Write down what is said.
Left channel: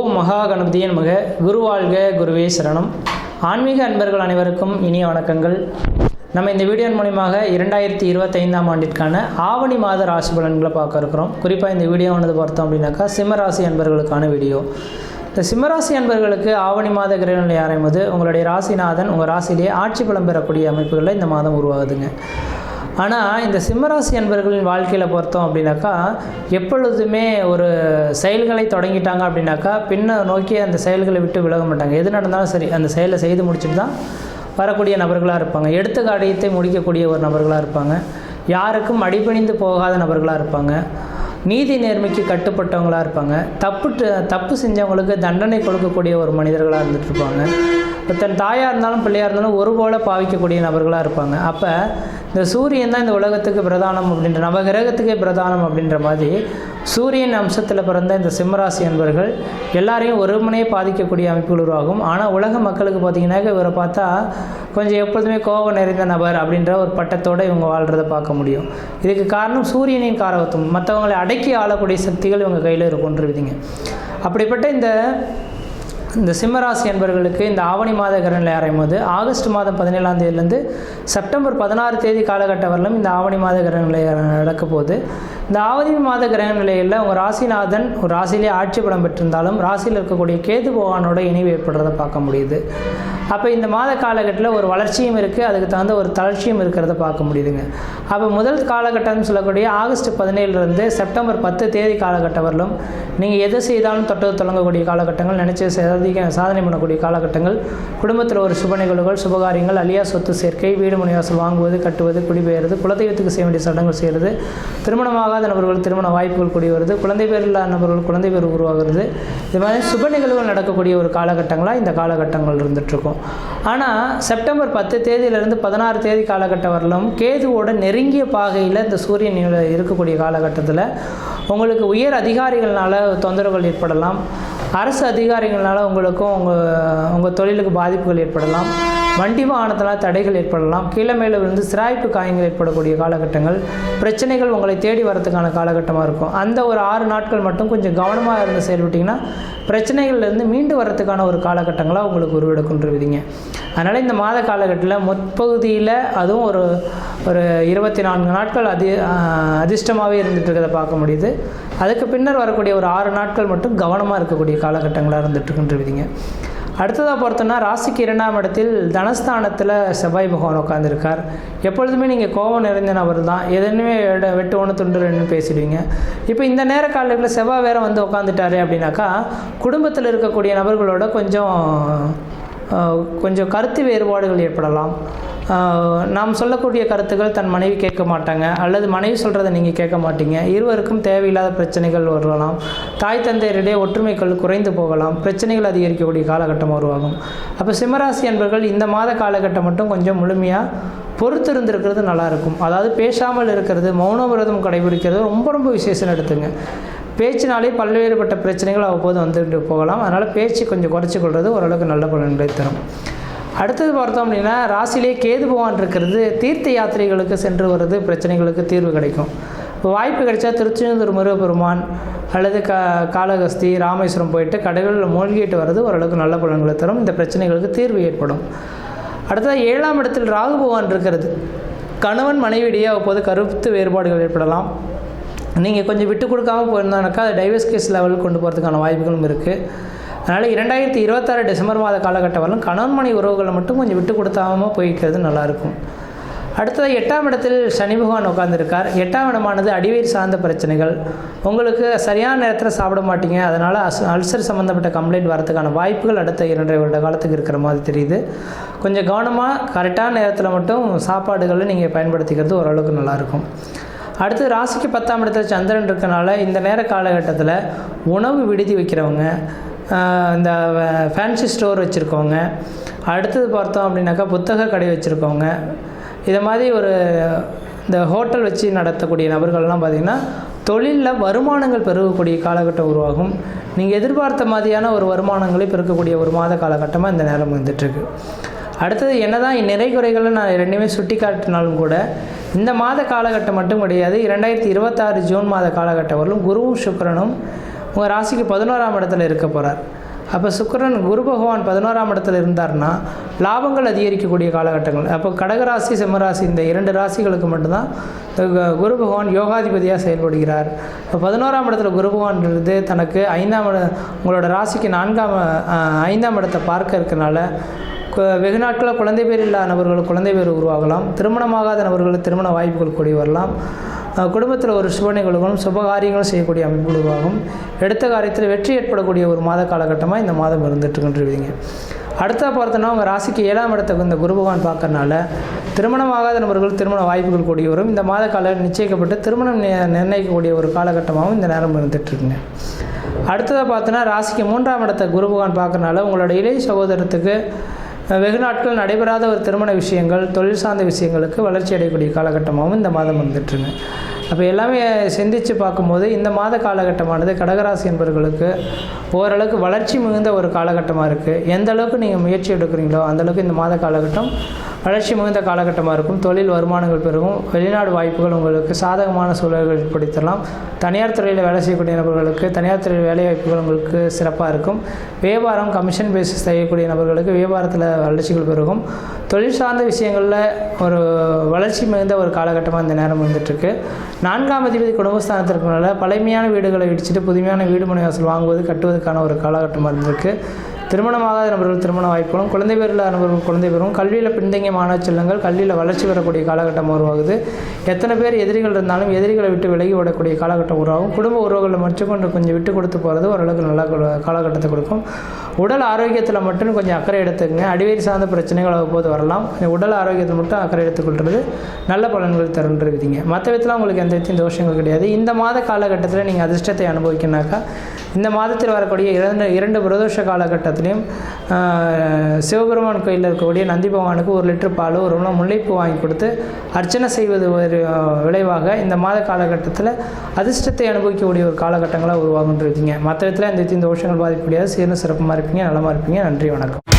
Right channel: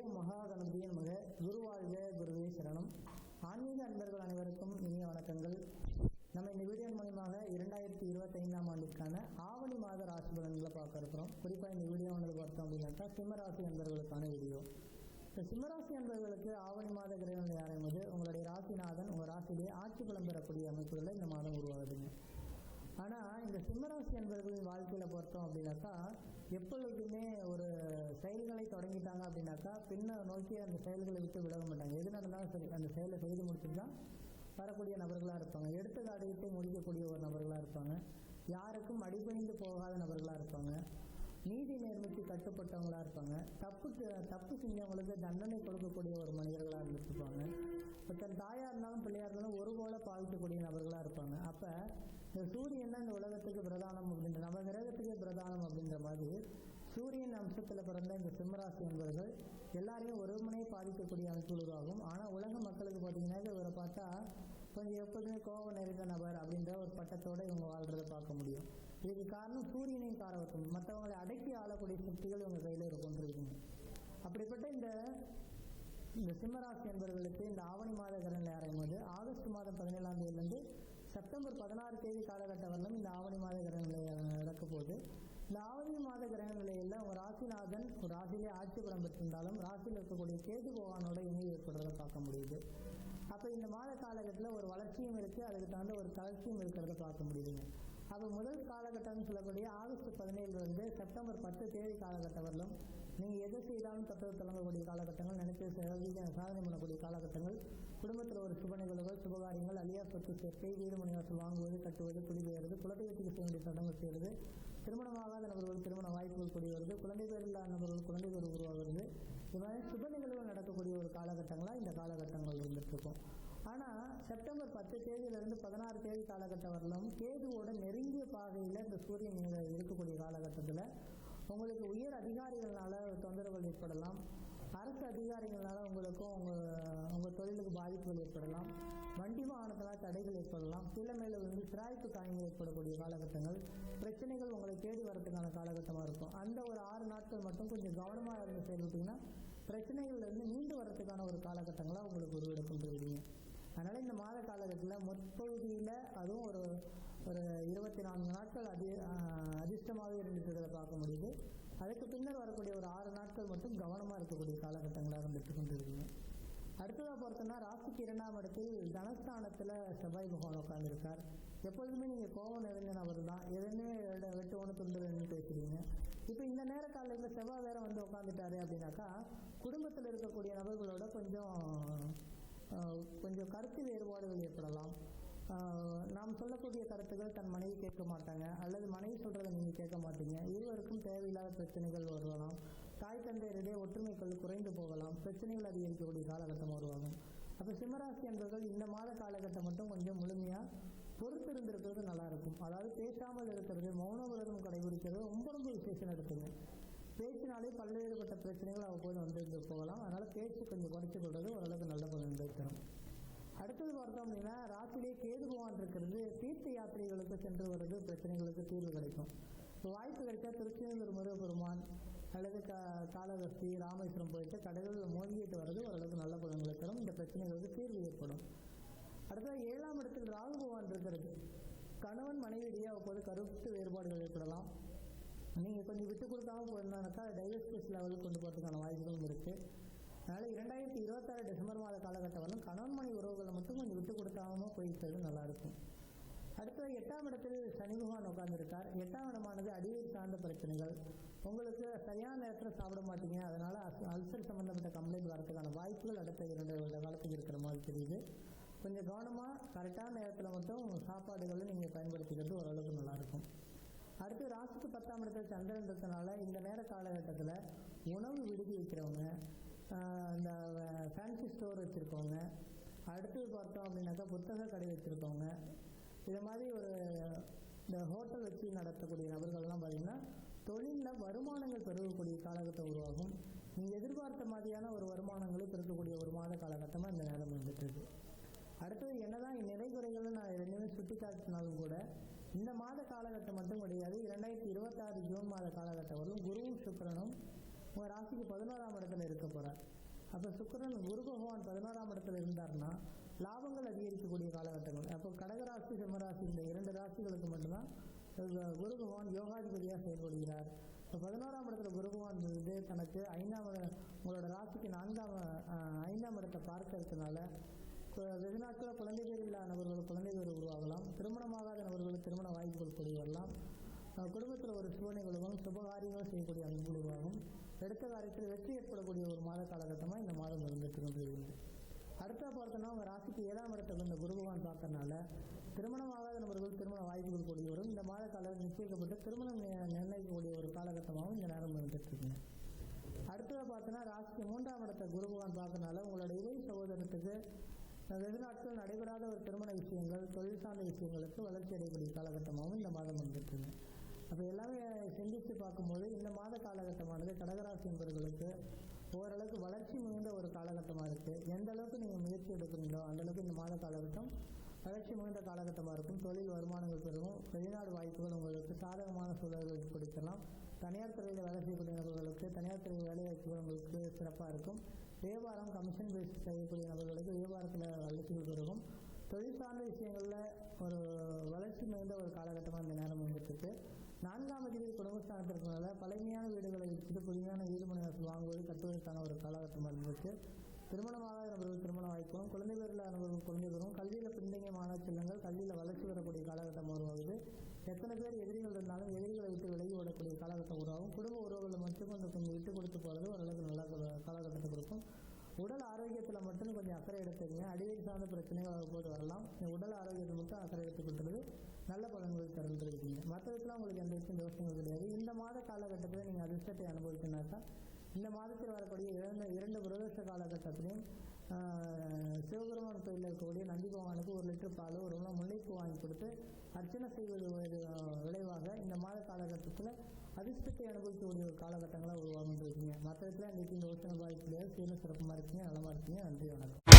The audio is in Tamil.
ஓம் மகா கணபதியே நமக. குருவாழ்க, குருவே சரணம். ஆன்மீக அன்பர்கள் அனைவருக்கும் இனிய வணக்கங்கள். நம்ம இந்த வீடியோ மூலியமாக 2025ஆம் ஆண்டிற்கான ஆவணி மாத ராசி பலன்களை பார்க்க இருக்கிறோம். குறிப்பாக இந்த வீடியோவானது பார்த்தோம் அப்படின்னாக்கா சிம்மராசி அன்பர்களுக்கான வீடியோ. இந்த சிம்மராசி அன்பர்களுக்கு ஆவணி மாத கிரகநிலை ஆரம்பித்து உங்களுடைய ராசிநாதன் உங்கள் ராசியிலேயே ஆட்சி பலம் பெறக்கூடிய அமைப்புகளில் இந்த மாதம் உருவாகுதுங்க. ஆனால் இந்த சிம்மராசி அன்பர்களின் வாழ்க்கையில் பார்த்தோம் அப்படின்னாக்கா எப்பொழுதுமே ஒரு செயல்களை தொடங்கிட்டாங்க அப்படின்னாக்கா பின்ன நோக்கி அந்த செயல்களை விட்டு விலக மாட்டாங்க. எது நடந்தாலும் சரி அந்த செயலை செய்து முடிச்சுட்டு தான் வரக்கூடிய நபர்களாக இருப்பாங்க. எடுத்த காரியத்தை முடிக்கக்கூடிய ஒரு நபர்களாக இருப்பாங்க. யாருக்கும் அடிபணிந்து போகாத நபர்களாக இருப்பாங்க. நீதி நேர்மைக்கு கட்டுப்பட்டவங்களாக இருப்பாங்க. தப்பு செஞ்சவங்களுக்கு தண்டனை கொடுக்கக்கூடிய ஒரு மனிதர்களாக இருந்துகிட்ருப்பாங்க. இப்போ தன் தாயாக இருந்தாலும் பிள்ளையாக இருந்தாலும் ஒரு போல பாவிக்கக்கூடிய நபர்களாக இருப்பாங்க. அப்போ இந்த சூரியன் தான் இந்த உலகத்துக்கு பிரதானம் அப்படின்ற நவகிரகத்துக்கே பிரதானம் அப்படின்ற மாதிரி சூரியன் அம்சத்தில் பிறந்த இந்த சிம்மராசி அன்பர்கள் எல்லாரையும் ஒருமனையே பாதிக்கக்கூடிய அமைப்புகள் உருவாகும். ஆனால் உலக மக்களுக்கு பார்த்திங்கன்னாக்க இவரை பார்த்தா கொஞ்சம் எப்பொழுதுமே கோபம் நிறைந்த நபர் அப்படின்ற ஒரு பட்டத்தோடு இவங்க வாழ்கிறத பார்க்க முடியும். இதுக்கு காரணம் சூரியனின் காரகத்துவம். மற்றவங்களை அடக்கி ஆளக்கூடிய சக்திகள் இவங்க கையில் இருக்குன்றிருந்தீங்க. அப்படிப்பட்ட இந்த சிம்மராசி அன்பர்களுக்கு இந்த ஆவணி மாத கிரகநிலை ஆரம்பித்து ஆகஸ்ட் மாதம் 17ஆம் தேதியிலேருந்து செப்டம்பர் 16 தேதி காலகட்டம் வரலும் இந்த ஆவணி மாத கிரகநிலை நடக்க போகுது. இந்த ஆவணி மாத கிரகநிலையில் உங்கள் ராசிநாதன் ஒரு ராசியிலே ஆட்சி பலம் பெற்றிருந்தாலும் ராசியில் இருக்கக்கூடிய கேது பகவானோட இணைவு ஏற்படுறதை பார்க்க முடியுது. அப்போ இந்த மாத காலகட்டத்தில் ஒரு வளர்ச்சியும் இருக்குது, அதுக்கு தகுந்த ஒரு தளர்ச்சியும் இருக்கிறத பார்க்க முடியுதுங்க. அப்போ முதல் காலகட்டம்னு சொல்லக்கூடிய ஆகஸ்ட் 17லேருந்து செப்டம்பர் 10 தேதி காலகட்டம் வரலும் நீங்கள் எதை செய்தாலும் தொட்டது தொடங்கக்கூடிய காலகட்டங்கள், நினச்சி சாதனை பண்ணக்கூடிய காலகட்டங்கள், குடும்பத்தில் ஒரு சுப நிகழ்வுகள், சுபகாரியங்கள், அழியா சொத்து சேர்க்கை, வீடு மனைவாசல் வாங்குவது, கட்டுவது, குடிபெயர்வது, குலதெய்வத்துக்கு செய்ய வேண்டிய சடங்குகள் செய்கிறது, திருமணமாகாத நபர்கள் திருமண வாய்ப்புகள் கூடி வருது, குழந்தை பேர் இல்லாத நபர்கள் குழந்தை பேர் உருவாகிறது. இது மாதிரி சுப நிகழ்வுகள் நடக்கக்கூடிய ஒரு காலகட்டங்களாக இந்த காலகட்டங்கள் இருந்துகிட்ருக்கும். ஆனால் செப்டம்பர் 10 தேதியிலிருந்து 16 தேதி காலகட்டம் வரலும் கேதுவோட நெருங்கிய பாகையில் இந்த சூரியன் இருக்கக்கூடிய காலகட்டத்தில் உங்களுக்கு உயர் அதிகாரிகள்னால தொந்தரவுகள் ஏற்படலாம். அரசு அதிகாரிகள்னால உங்களுக்கும் உங்கள் தொழிலுக்கு பாதிப்புகள் ஏற்படலாம். வண்டி வாகனத்தினால் தடைகள் ஏற்படலாம். கீழே மேலே விழுந்து சிராய்ப்பு காயங்கள் ஏற்படக்கூடிய காலகட்டங்கள், பிரச்சனைகள் உங்களை தேடி வரதுக்கான காலகட்டமாக இருக்கும். அந்த ஒரு 6 நாட்கள் மட்டும் கொஞ்சம் கவனமாக இருந்து செயல்பட்டிங்கன்னா பிரச்சனைகள்லேருந்து மீண்டு வர்றதுக்கான ஒரு காலகட்டங்களாக உங்களுக்கு உருவெடுக்கின்றீங்க. அதனால் இந்த மாத காலகட்டத்தில் முற்பகுதியில் அதுவும் ஒரு 24 நாட்கள் அதிர்ஷ்டமாகவே இருந்துகிட்டு இருக்கிறத பார்க்க முடியுது. அதுக்கு பின்னர் வரக்கூடிய ஒரு 6 நாட்கள் மட்டும் கவனமாக இருக்கக்கூடிய காலகட்டங்களாக இருந்துகிட்ருக்கின்றீங்க. அடுத்ததாக பார்த்தோன்னா ராசிக்கு 2ஆம் இடத்தில் தனஸ்தானத்தில் செவ்வாய் பகவான் உட்காந்துருக்கார். எப்பொழுதுமே நீங்கள் கோபம் நிறைந்த நபர் தான். எதுவுமே வெட்டு ஒன்று துண்டு ரெண்டு பேசிடுவீங்க. இப்போ இந்த நேர காலங்களில் செவ்வாய் வேறு வந்து உட்காந்துட்டாரு அப்படின்னாக்கா குடும்பத்தில் இருக்கக்கூடிய நபர்களோட கொஞ்சம் கருத்து வேறுபாடுகள் ஏற்படலாம். நாம் சொல்லக்கூடிய கருத்துக்கள் தன் மனைவி கேட்க மாட்டாங்க, அல்லது மனைவி சொல்கிறத நீங்கள் கேட்க மாட்டீங்க. இருவருக்கும் தேவையில்லாத பிரச்சனைகள் வரலாம். தாய் தந்தையரிடையே ஒற்றுமைகள் குறைந்து போகலாம். பிரச்சனைகள் அதிகரிக்கக்கூடிய காலகட்டம் உருவாகும். அப்போ சிம்மராசி அன்பர்கள் இந்த மாத காலகட்டம் மட்டும் கொஞ்சம் முழுமையாக பொறுத்து இருந்திருக்கிறது நல்லாயிருக்கும். அதாவது பேசாமல் இருக்கிறது, மௌன விரதம் கடைபிடிக்கிறது ரொம்ப விசேஷம் எடுத்துங்க. பேச்சினாலே பல்வேறுபட்ட பிரச்சனைகள் அவ்வப்போது வந்துட்டு போகலாம். அதனால் பேச்சு கொஞ்சம் குறைச்சி கொள்வது ஓரளவுக்கு நல்ல பலன்களை தரும். அடுத்தது பார்த்தோம் அப்படின்னா ராசியிலே கேது பகவான் இருக்கிறது தீர்த்த யாத்திரைகளுக்கு சென்று வர்றது பிரச்சனைகளுக்கு தீர்வு கிடைக்கும். இப்போ வாய்ப்பு கிடைச்சா திருச்செந்தூர் முருகப்பெருமான் அல்லது காளகஸ்தி, ராமேஸ்வரம் போயிட்டு கடைகளில் மூழ்கிட்டு வர்றது ஓரளவுக்கு நல்ல பலன்களை தரும். இந்த பிரச்சனைகளுக்கு தீர்வு ஏற்படும். அடுத்தது 7ஆம் இடத்தில் ராகு பகவான் இருக்கிறது. கணவன் மனைவியிடையே அவ்வப்போது கருத்து வேறுபாடுகள் ஏற்படலாம். நீங்கள் கொஞ்சம் விட்டு கொடுக்காமல் போயிருந்தானாக்கா அது டைவர்ஸ் கேஸ் லெவலுக்கு கொண்டு போகிறதுக்கான வாய்ப்புகளும் இருக்குது. அதனால் 2026 டிசம்பர் மாத காலகட்டம் வரலும் கணவன் மனைவி உறவுகளை மட்டும் கொஞ்சம் விட்டு கொடுத்தாமல் போய்க்கிறது நல்லாயிருக்கும். அடுத்தது 8ஆம் இடத்தில் சனி பகவான் உட்காந்துருக்கார். 8ஆம் இடமானது அடிவயிறு சார்ந்த பிரச்சனைகள். உங்களுக்கு சரியான நேரத்தில் சாப்பிட மாட்டீங்க. அதனால் அல்சர் சம்மந்தப்பட்ட கம்ப்ளைண்ட் வரதுக்கான வாய்ப்புகள் அடுத்த 2.5 வருட காலத்துக்கு இருக்கிற மாதிரி தெரியுது. கொஞ்சம் கவனமாக கரெக்டான நேரத்தில் மட்டும் சாப்பாடுகளை நீங்கள் பயன்படுத்திக்கிறது ஓரளவுக்கு நல்லாயிருக்கும். அடுத்து ராசிக்கு 10ஆம் இடத்துல சந்திரன் இருக்கனால இந்த நேர காலகட்டத்தில் உணவு விடுதி வைக்கிறவங்க, இந்த ஃபேன்சி ஸ்டோர் வச்சுருக்கவங்க, அடுத்தது பார்த்தோம் அப்படின்னாக்கா புத்தக கடை வச்சுருக்கவங்க, இதை மாதிரி இந்த ஹோட்டல் வச்சு நடத்தக்கூடிய நபர்கள்லாம் பார்த்திங்கன்னா தொழிலில் வருமானங்கள் பெருகக்கூடிய காலகட்டம் உருவாகும். நீங்கள் எதிர்பார்த்த மாதிரியான ஒரு வருமானங்களை பெருக்கக்கூடிய ஒரு மாத காலகட்டமாக இந்த நேரம் வந்துட்டுருக்கு. அடுத்தது என்னதான் நிறை குறைகளை நான் ரெண்டுமே சுட்டி காட்டினாலும் கூட இந்த மாத காலகட்டம் மட்டும் கிடையாது. 2026 ஜூன் மாத காலகட்டம் வரலும் குருவும் சுக்கிரனும் உங்கள் ராசிக்கு 11ஆம் இடத்துல இருக்க போகிறார். அப்போ சுக்கிரன் குரு பகவான் 11ஆம் இடத்துல இருந்தார்னா லாபங்கள் அதிகரிக்கக்கூடிய காலகட்டங்கள். அப்போ கடகராசி சிம்மராசி இந்த 2 ராசிகளுக்கு மட்டும்தான் குரு பகவான் யோகாதிபதியாக செயல்படுகிறார். இப்போ 11ஆம் இடத்துல குரு பகவான் இருந்து தனக்கு உங்களோட ராசிக்கு 5ஆம் இடத்தை பார்க்க இருக்கனால வெகு நாட்களில் குழந்தை பேர் இல்லாத நபர்கள் குழந்தை பேர் உருவாகலாம். திருமணமாகாத நபர்களுக்கு திருமண வாய்ப்புகள் கூடி வரலாம். குடும்பத்தில் ஒரு சுப நிகழ்வுகளும் சுபகாரியங்களும் செய்யக்கூடிய அமைப்பு உருவாகும். எடுத்த காரியத்தில் வெற்றி ஏற்படக்கூடிய ஒரு மாத காலகட்டமாக இந்த மாதம் இருந்துட்டுருக்குன்றீங்க. அடுத்த பார்த்தோன்னா உங்கள் ராசிக்கு 7ஆம் இடத்துக்கு இந்த குரு பகவான் பார்க்கறனால திருமணமாகாத நபர்கள் திருமண வாய்ப்புகள் கூடி வரும். இந்த மாத கால நிச்சயிக்கப்பட்டு திருமணம் நிர்ணயிக்கக்கூடிய ஒரு காலகட்டமாகவும் இந்த நேரம் இருந்துகிட்ருக்குங்க. அடுத்ததாக பார்த்தோன்னா ராசிக்கு 3ஆம் இடத்தை குரு பகவான் பார்க்கறனால உங்களோட இளைய சகோதரத்துக்கு வெகு நாட்கள் நடைபெறாத ஒரு திருமண விஷயங்கள் தொழில் சார்ந்த விஷயங்களுக்கு வளர்ச்சி அடையக்கூடிய காலகட்டமாகவும் இந்த மாதம் வந்துட்டுருங்க. அப்போ எல்லாமே சிந்தித்து பார்க்கும்போது இந்த மாத காலகட்டமானது கடகராசி என்பவர்களுக்கு ஓரளவுக்கு வளர்ச்சி மிகுந்த ஒரு காலகட்டமாக இருக்குது. எந்த அளவுக்கு நீங்கள் முயற்சி எடுக்கிறீங்களோ அந்தளவுக்கு இந்த மாத காலகட்டம் வளர்ச்சி மிகுந்த காலகட்டமாக இருக்கும். தொழில் வருமானங்கள் பெருகும். வெளிநாடு வாய்ப்புகள் உங்களுக்கு சாதகமான சூழல்கள் ஏற்படுத்தலாம். தனியார் துறையில் வேலை செய்யக்கூடிய நபர்களுக்கு தனியார் துறையில் வேலை வாய்ப்புகள் உங்களுக்கு சிறப்பாக இருக்கும். வியாபாரம் கமிஷன் பேசிஸ் செய்யக்கூடிய நபர்களுக்கு வியாபாரத்தில் வளர்ச்சிகள் பெருகும். தொழில் சார்ந்த விஷயங்களில் ஒரு வளர்ச்சி மிகுந்த ஒரு காலகட்டமாக இந்த நேரம் வந்துட்டுருக்கு. 4ஆம் அதிபதி குடும்பஸ்தானத்திற்குனால பழமையான வீடுகளை இடிச்சிட்டு புதுமையான வீடு மனை வாசல் வாங்குவது கட்டுவதற்கான ஒரு காலகட்டமாக இருந்திருக்கு. திருமணமாகாத நபர்கள் திருமண வாய்ப்புகளும் குழந்தை பேர் இல்லாத நபர்கள் குழந்தை பேரும் கல்வியில் பின்தங்கிய மாணவ செல்வங்கள் கல்வியில் வளர்ச்சி பெறக்கூடிய காலகட்டம் உருவாகுது. எத்தனை பேர் எதிரிகள் இருந்தாலும் எதிரிகளை விட்டு விலகி விடக்கூடிய காலகட்டம் உருவாகும். குடும்ப உறவுகளை மட்டும் கொஞ்சம் விட்டு கொடுத்து போகிறது ஓரளவுக்கு நல்ல காலகட்டத்தை கொடுக்கும். உடல் ஆரோக்கியத்தில் மட்டும் கொஞ்சம் அக்கறை எடுத்துக்கங்க. அடிவேறு சார்ந்த பிரச்சனைகள் அவ்வப்போது வரலாம். உடல் ஆரோக்கியத்தை மட்டும் அக்கறை எடுத்துக்கொள்வது நல்ல பலன்கள் தருன்றீங்க. மற்ற விதத்தில் உங்களுக்கு எந்த விதத்தையும் தோஷங்கள் கிடையாது. இந்த மாத காலகட்டத்தில் நீங்கள் அதிர்ஷ்டத்தை அனுபவிக்கணாக்கா இந்த மாதத்தில் வரக்கூடிய 2 பிரதோஷ காலகட்டத்திலையும் சிவபெருமான் கோயிலில் இருக்கக்கூடிய நந்தி பகவானுக்கு 1 லிட்டர் பால் ஒரு முல்லைப்பூ வாங்கி கொடுத்து அர்ச்சனை செய்வது ஒரு விளைவாக இந்த மாத காலகட்டத்தில் அதிர்ஷ்டத்தை அனுபவிக்கக்கூடிய ஒரு காலகட்டங்களாக உருவாகுன்றீங்க. மற்ற விதத்தில் எந்த விதத்தையும் தோஷங்கள் பாதிக்கக்கூடியது. சீர்னு சிறப்புமாக இருப்பீங்க, நலமாக இருப்பீங்க. நன்றி, வணக்கம்.